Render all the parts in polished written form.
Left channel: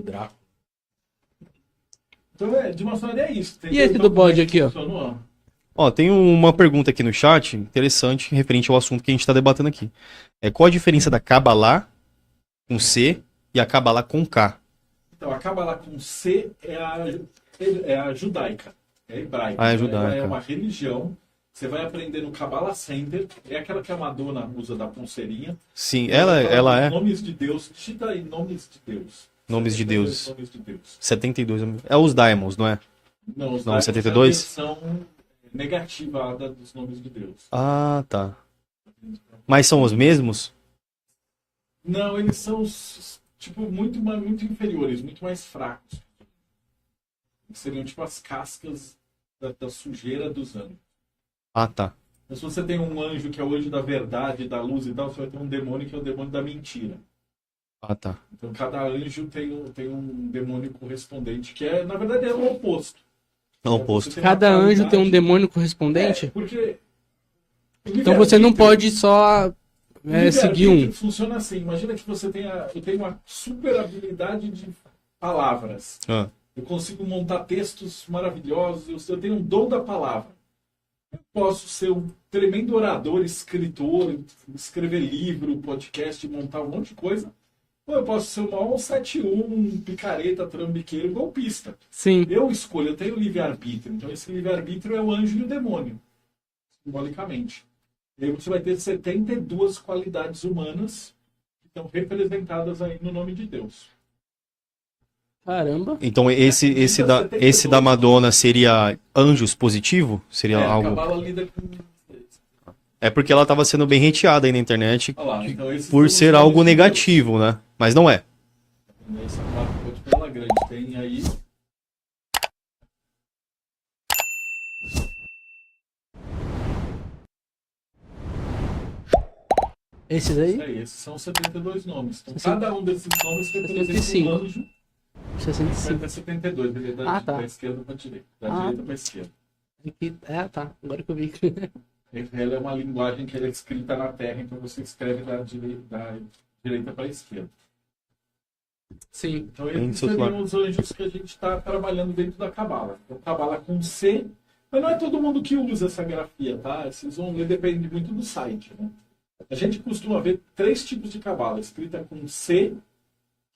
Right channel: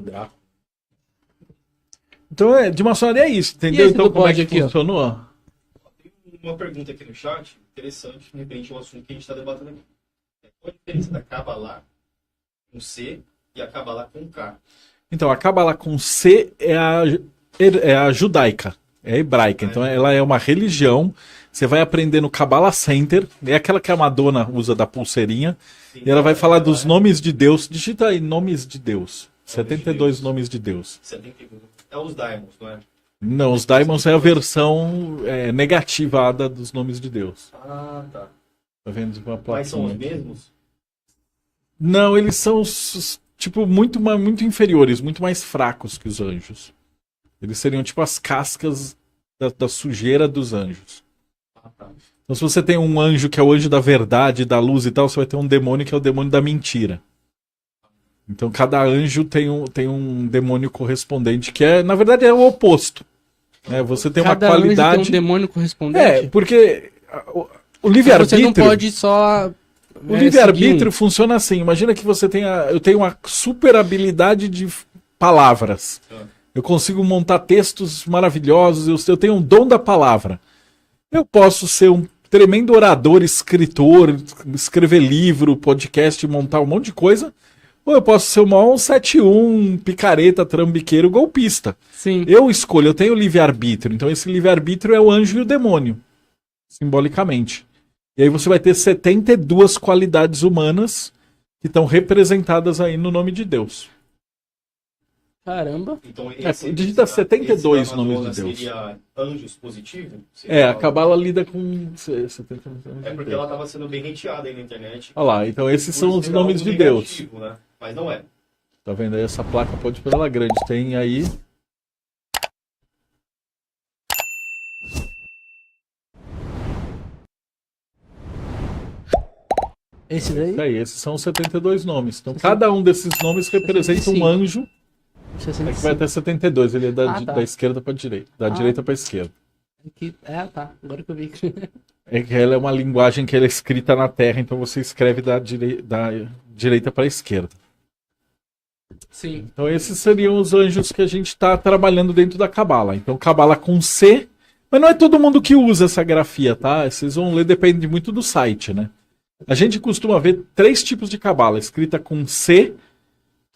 do Drácula. Então, de maçonaria é isso, entendeu? E esse então, do como bode é que aqui, ó? funcionou? Ó, tem uma pergunta aqui no chat, interessante, referente ao assunto que a gente tá debatendo aqui. Qual a diferença da Kabbalah com C e a Kabbalah com K? Então, a Kabbalah com C é a judaica, é a hebraica. Ah, é Então, judaica. ela é uma religião. Você vai aprender no Kabbalah Center, é aquela que a Madonna usa da pulseirinha. Sim, E ela vai falar dos é nomes de Deus. Digita aí, nomes de Deus. Nomes de 72 Deus. nomes de Deus. 72. É os Daimons, não é? Não, os Não, Daimons é a 72? versão negativada dos nomes de Deus. Ah, tá. Tá vendo? Mas são os mesmos? Não, eles são, tipo, muito inferiores, muito mais fracos que os anjos. Eles seriam, tipo, as cascas da sujeira dos anjos. Ah, tá. Então, se você tem um anjo que é o anjo da verdade, da luz e tal, você vai ter um demônio que é o demônio da mentira. Ah, tá. Então, cada anjo tem um demônio correspondente, que é, na verdade, é o oposto. É o oposto. Você tem Cada uma anjo qualidade... tem um demônio correspondente? Porque o Então livre-arbítrio... você não pode só O seguir livre-arbítrio um. funciona assim. Imagina que eu tenho uma super habilidade de palavras. Ah. Eu consigo montar textos maravilhosos. Eu tenho um dom da palavra. Eu posso ser um tremendo orador, escritor, escrever livro, podcast, montar um monte de coisa. Ou eu posso ser o maior 171, picareta, trambiqueiro, golpista. Sim. Eu escolho, eu tenho livre-arbítrio. Então esse livre-arbítrio é o anjo e o demônio, simbolicamente. E aí você vai ter 72 qualidades humanas que estão representadas aí no nome de Deus. Caramba. Então esse digita da 72 Madonna nomes de Deus. seria anjos positivo? Seria A algo... Cabala lida com 70. É porque ela estava sendo bem hateada aí na internet Olha lá, então esses por são os ser nomes algo de negativo, né? Mas não é. Deus. Tá vendo aí essa placa? Pode pôr ela grande. Tem aí. Esse daí? Isso aí, esses são os 72 nomes. Então cada um desses nomes representa 65. um anjo. Que vai 65. até 72. Ele é da, Tá. da esquerda para direita. Da Ah. direita para esquerda. Aqui... tá. Agora que eu vi. É que ela é uma linguagem que ela é escrita na Terra, então você escreve da direita para a esquerda. Sim. Então esses seriam os anjos que a gente está trabalhando dentro da Cabala. Então Cabala com C, mas não é todo mundo que usa essa grafia, tá? Vocês vão ler, depende muito do site, né? A gente costuma ver 3 tipos de Cabala, escrita com C,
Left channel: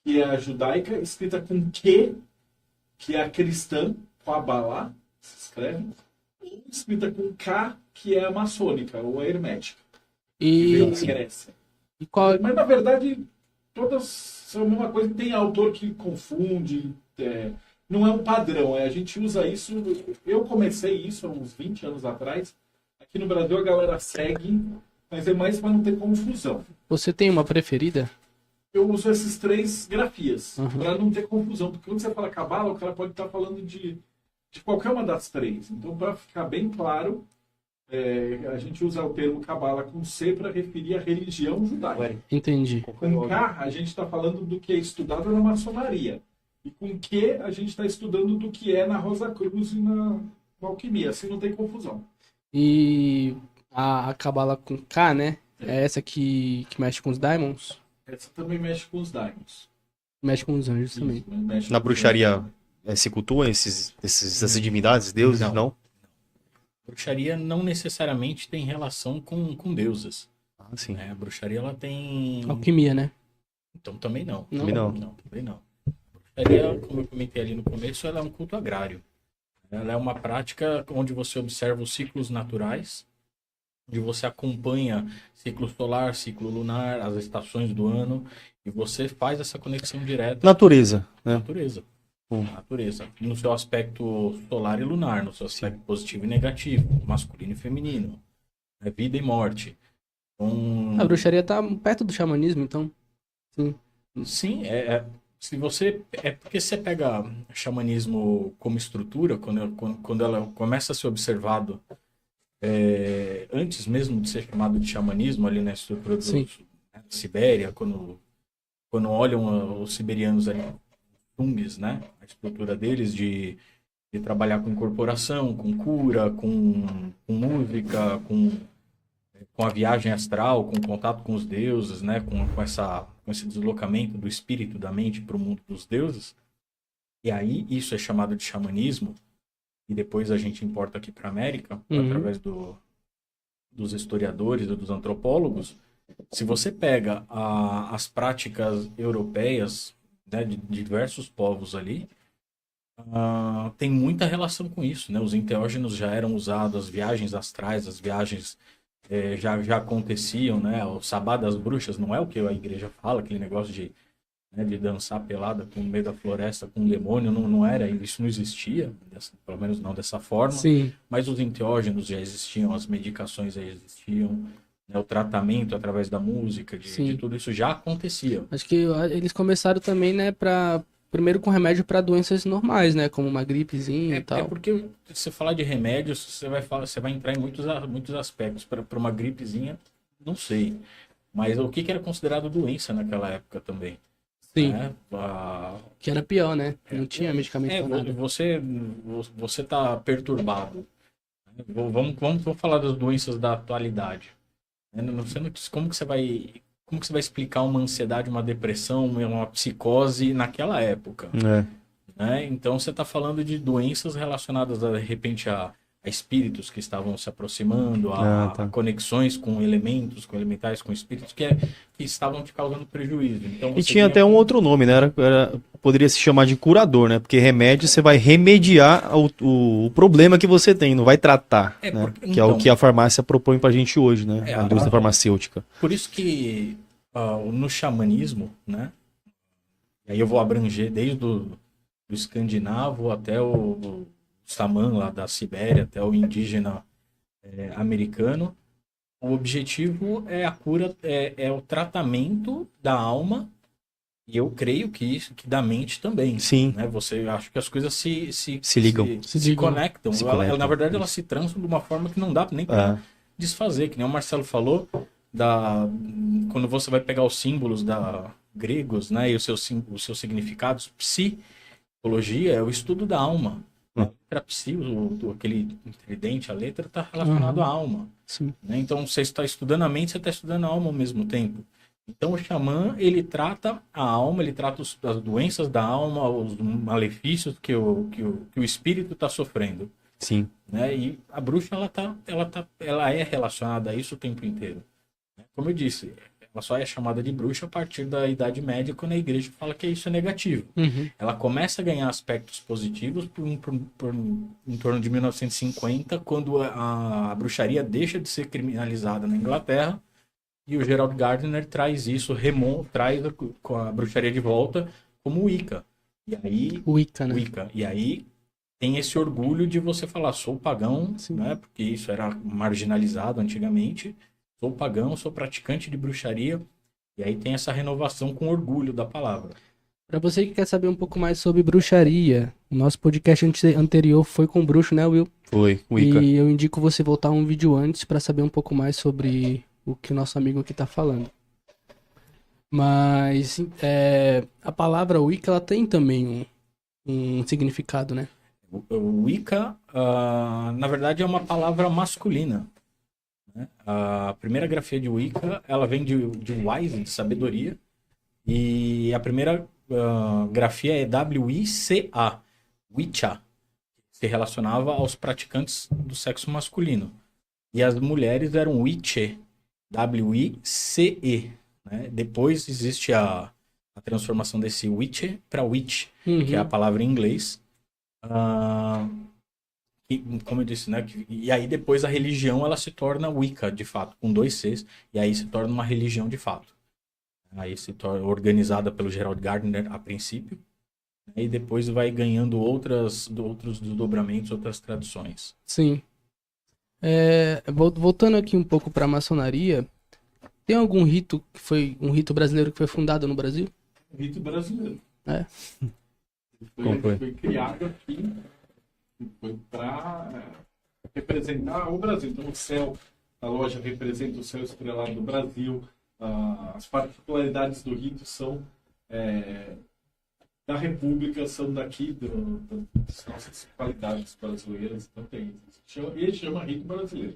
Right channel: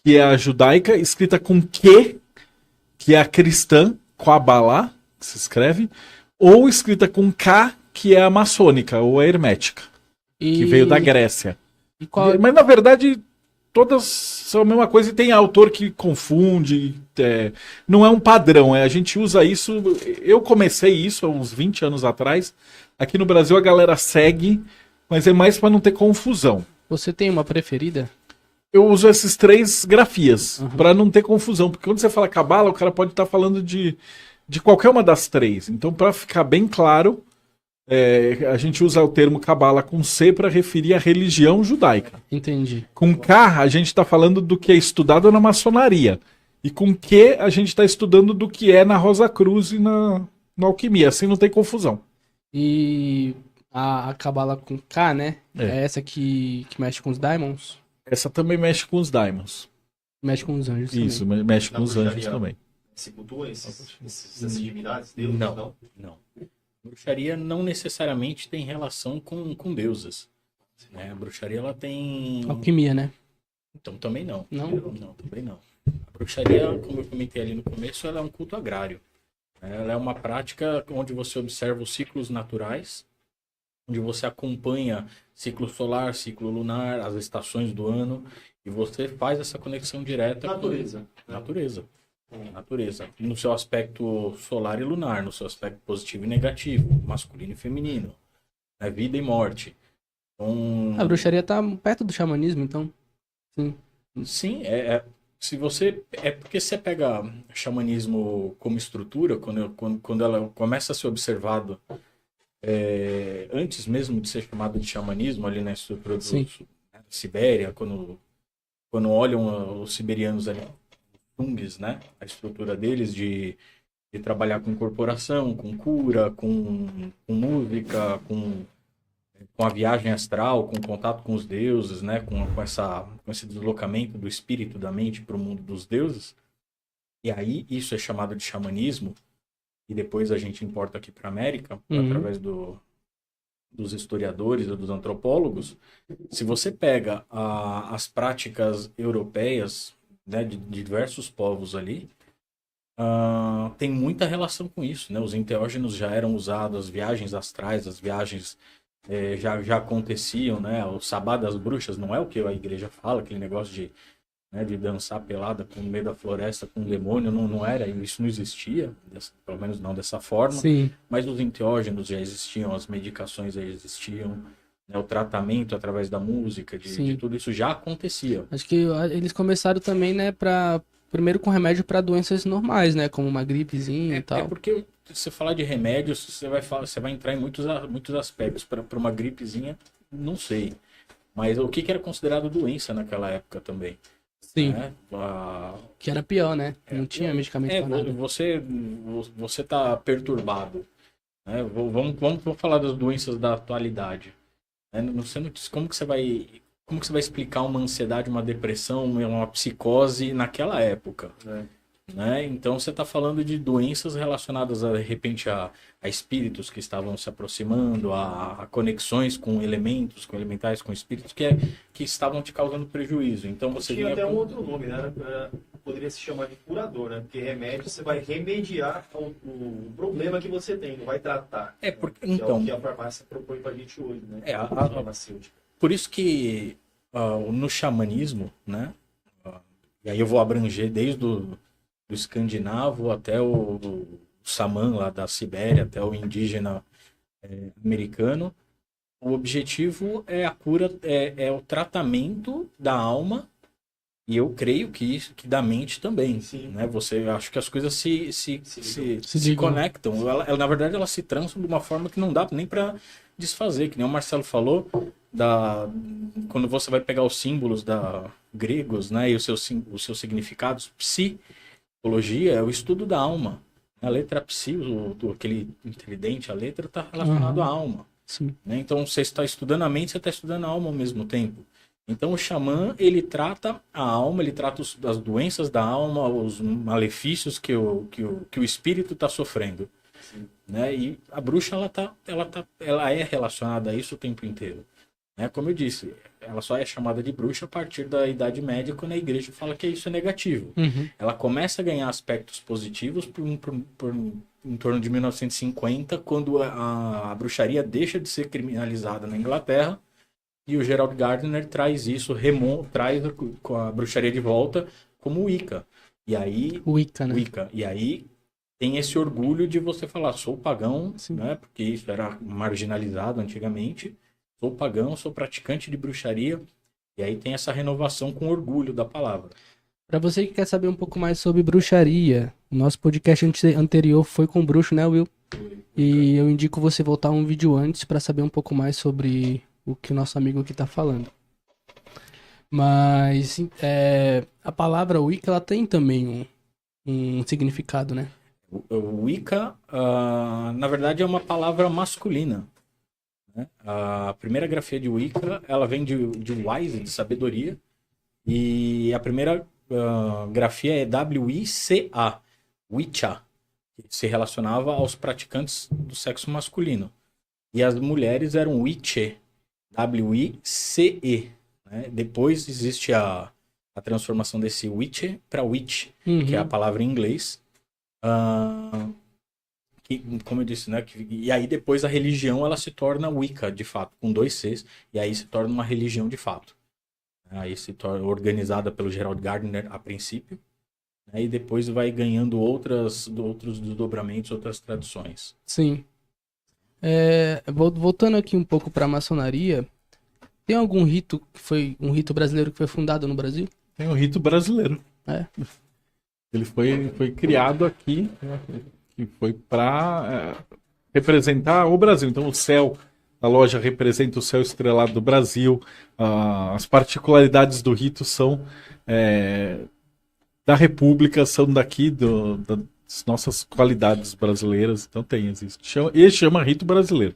que é a judaica, escrita com Q, que é a cristã, Kabbalah, que se escreve, ou escrita com K, que é a maçônica, ou a hermética, que veio da Grécia. E qual... Mas, na verdade, todas são a mesma coisa e tem autor que confunde. Não é um padrão. A gente usa isso... Eu comecei isso há uns 20 anos atrás. Aqui no Brasil a galera segue, mas é mais para não ter confusão. Você tem uma preferida? Eu uso esses 3 grafias, Uhum. para não ter confusão. Porque quando você fala Cabala, o cara pode estar falando de qualquer uma das 3. Então, para ficar bem claro... a gente usa o termo Cabala com C para referir à religião judaica. Entendi. Com K, a gente está falando do que é estudado na maçonaria. E com Q, a gente está estudando do que é na Rosa Cruz e na alquimia. Assim não tem confusão. E a Cabala com K, né? É. É essa que mexe com os Diamonds? Essa também mexe com os Diamonds. Mexe com os anjos Isso, também. mexe Na com os bruxaria. anjos também. Se cultua essas divindades, deuses, Não. não? Não. Bruxaria não necessariamente tem relação com deusas. Ah, sim. Né? A bruxaria ela tem. Alquimia, né? Então também não. Não? Não. Também não. A bruxaria, como eu comentei ali no começo, ela é um culto agrário. Ela é uma prática onde você observa os ciclos naturais, onde você acompanha ciclo solar, ciclo lunar, as estações do ano, e você faz essa conexão direta Natureza, com a né? natureza. Natureza. No seu aspecto solar e lunar, no seu aspecto positivo e negativo, masculino e feminino, né? Vida e morte. Então, A bruxaria tá perto do xamanismo, então. Sim. sim, se você é porque você pega xamanismo como estrutura, quando ela começa a ser observado antes mesmo de ser chamado de xamanismo ali na estrutura Sim. da Sibéria, quando olham os siberianos ali, Tungs, né, a estrutura deles de trabalhar com incorporação, com cura, com música, com com a viagem astral, com o contato com os deuses, né? Com esse deslocamento do espírito, da mente para o mundo dos deuses. E aí isso é chamado de xamanismo, e depois a gente importa aqui para a América, através dos historiadores ou dos antropólogos. Se você pega as práticas europeias, né, de diversos povos ali, tem muita relação com isso, né? Os enteógenos já eram usados, as viagens astrais, as viagens já aconteciam, né? O sabá das bruxas não é o que a igreja fala, aquele negócio de dançar pelada no meio da floresta com um demônio, não era, isso não existia, pelo menos não dessa forma. Sim. Mas os enteógenos já existiam, as medicações já existiam, né? O tratamento através da música, de tudo isso já acontecia. Acho que eles começaram também, né, primeiro com remédio para doenças normais, né, como uma gripezinha e tal. É porque se você falar de remédios, você vai entrar em muitos aspectos. Para uma gripezinha, não sei. Mas o que era considerado doença naquela época também? Sim. Né? Que era pior, né? Não tinha medicamento pra nada. Você tá perturbado. Né? Vamos falar das doenças da atualidade. Né? Como que você vai explicar uma ansiedade, uma depressão, uma psicose naquela época? Né? Então você está falando de doenças relacionadas de repente a espíritos que estavam se aproximando, a conexões com elementos, com elementais, com espíritos que estavam te causando prejuízo. Então, E tinha até um outro nome, né? Poderia se chamar de curador, né? Porque remédio você vai remediar o problema que você tem, não vai tratar. Né? Que é o que a farmácia propõe pra gente hoje, né? A indústria farmacêutica. Por isso que no xamanismo, né? E aí eu vou abranger desde do escandinavo até o xamã lá da Sibéria, até o indígena americano. O objetivo é a cura, é o tratamento da alma, e eu creio que da mente também. Sim. Né? Acho que as coisas se ligam. Se conectam. Na verdade, elas se transam de uma forma que não dá nem para desfazer, que nem o Marcelo falou, quando você vai pegar os símbolos gregos, né, e os seus significados, psicologia é o estudo da alma. A letra psi, aquele tridente, a letra está relacionado à alma. Sim. Né? Então, você está estudando a mente, você está estudando a alma ao mesmo tempo. Então, o xamã, ele trata a alma, ele trata as doenças da alma, os malefícios que o espírito está sofrendo. Sim. Né? E a bruxa, ela é relacionada a isso o tempo inteiro. Né? Como eu disse, ela só é chamada de bruxa a partir da Idade Média, quando a igreja fala que isso é negativo. Ela começa a ganhar aspectos positivos em torno de 1950, quando a bruxaria deixa de ser criminalizada na Inglaterra, e o Gerald Gardner traz traz a bruxaria de volta como Wicca. E aí, Wicca, né? Wicca. E aí tem esse orgulho de você falar, sou pagão, né? Porque isso era marginalizado antigamente. Sou pagão, sou praticante de bruxaria. E aí tem essa renovação com orgulho da palavra. Pra você que quer saber um pouco mais sobre bruxaria, o nosso podcast anterior foi com bruxo, né, Will? Foi, Wicca. E eu indico você voltar um vídeo antes pra saber um pouco mais sobre o que o nosso amigo aqui tá falando. Mas a palavra Wicca, ela tem também um significado, né? O Wicca, na verdade, é uma palavra masculina. Né? A primeira grafia de Wicca, ela vem de wise, de sabedoria. E a primeira grafia é W-I-C-A, Wicca, que se relacionava aos praticantes do sexo masculino. E as mulheres eram Witche, W-I-C-E. Né? Depois existe a transformação desse Witche para Witch, que é a palavra em inglês. Como eu disse, né? E aí depois a religião ela se torna Wicca, de fato, com 2 Cs, e aí se torna uma religião de fato. Aí se torna organizada pelo Gerald Gardner a princípio, né, e depois vai ganhando outros desdobramentos, outras tradições. Sim. Voltando aqui um pouco para a maçonaria, tem algum rito que foi um rito brasileiro que foi fundado no Brasil? Tem um rito brasileiro. Ele foi criado aqui, que foi para representar o Brasil. Então o céu, a loja representa o céu estrelado do Brasil. As particularidades do rito são da República, são daqui das nossas qualidades brasileiras. Então existe. E chama rito brasileiro.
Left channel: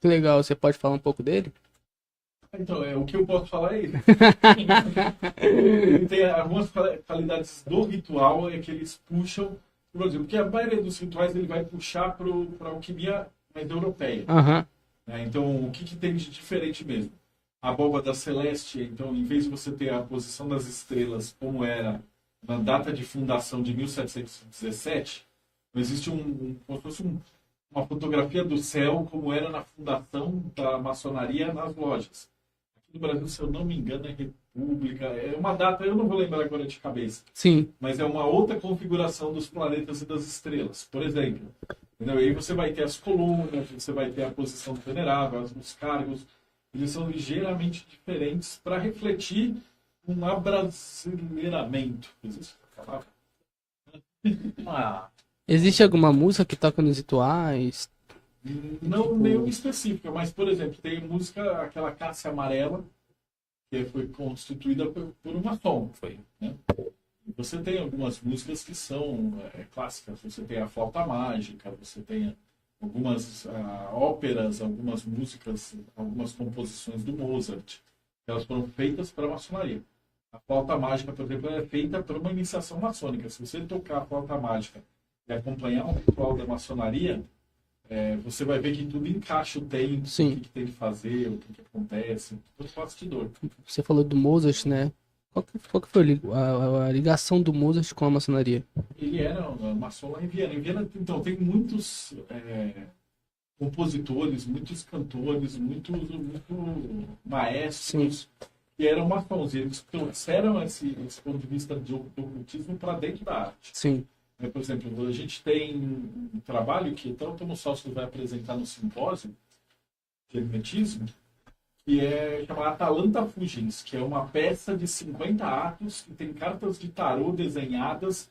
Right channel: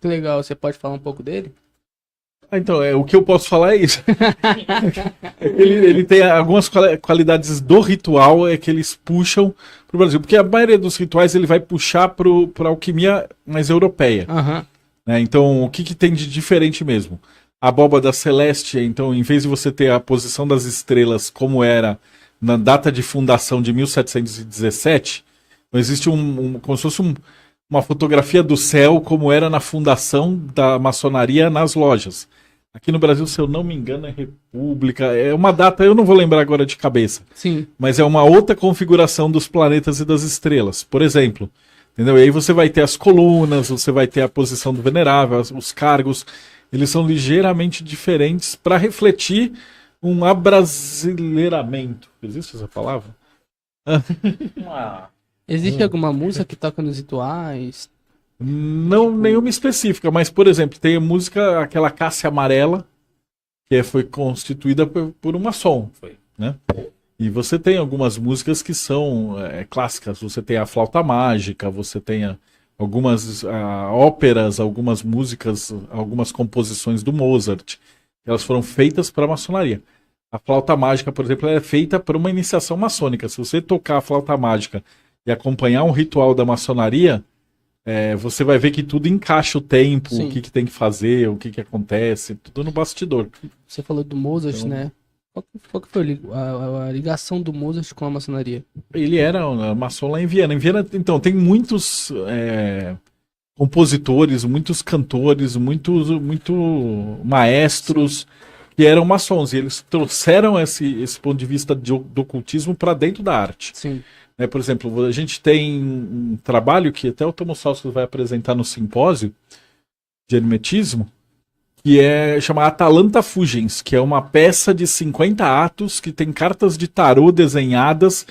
Que legal, você pode falar um pouco dele? Então, o que eu posso falar é isso. ele tem algumas qualidades do ritual que eles puxam pro Brasil. Porque a maioria dos rituais ele vai puxar pra alquimia mais europeia. Uhum. Né? Então, o que tem de diferente mesmo? A abóbada celeste, então, em vez de você ter a posição das estrelas como era na data de fundação de 1717, existe como se fosse uma fotografia do céu como era na fundação da maçonaria nas lojas. Aqui no Brasil, se eu não me engano, é República. É uma data, eu não vou lembrar agora de cabeça. Sim. Mas é uma outra configuração dos planetas e das estrelas. Por exemplo. Entendeu? E aí você vai ter as colunas, você vai ter a posição do venerável, os cargos. Eles são ligeiramente diferentes para refletir um abrasileiramento. Existe essa palavra? Existe alguma música que toca nos rituais? Não, nenhuma específica, mas, por exemplo, tem a música, aquela Cássia Amarela, que foi constituída por uma maçom, né? E você tem algumas músicas que são clássicas, você tem a Flauta Mágica, você tem algumas óperas, algumas músicas, algumas composições do Mozart, elas foram feitas para a maçonaria. A Flauta Mágica, por exemplo, é feita para uma iniciação maçônica. Se você tocar a Flauta Mágica e acompanhar um ritual da maçonaria, você vai ver que tudo encaixa o tempo, Sim. o que tem que fazer, o que acontece, tudo no bastidor. Você falou do Mozart, né? Qual que foi a ligação do Mozart com a maçonaria? Ele era maçom lá em Viena. Em Viena, então, tem muitos compositores, muitos cantores, muitos maestros. Sim. Que eram maçons. E eles trouxeram esse ponto de vista do ocultismo para dentro da arte. Sim. Por exemplo, a gente tem um trabalho que até o Tomo Salsky vai apresentar no simpósio de hermetismo, que chama Atalanta Fugens, que é uma peça de 50 atos que tem cartas de tarô desenhadas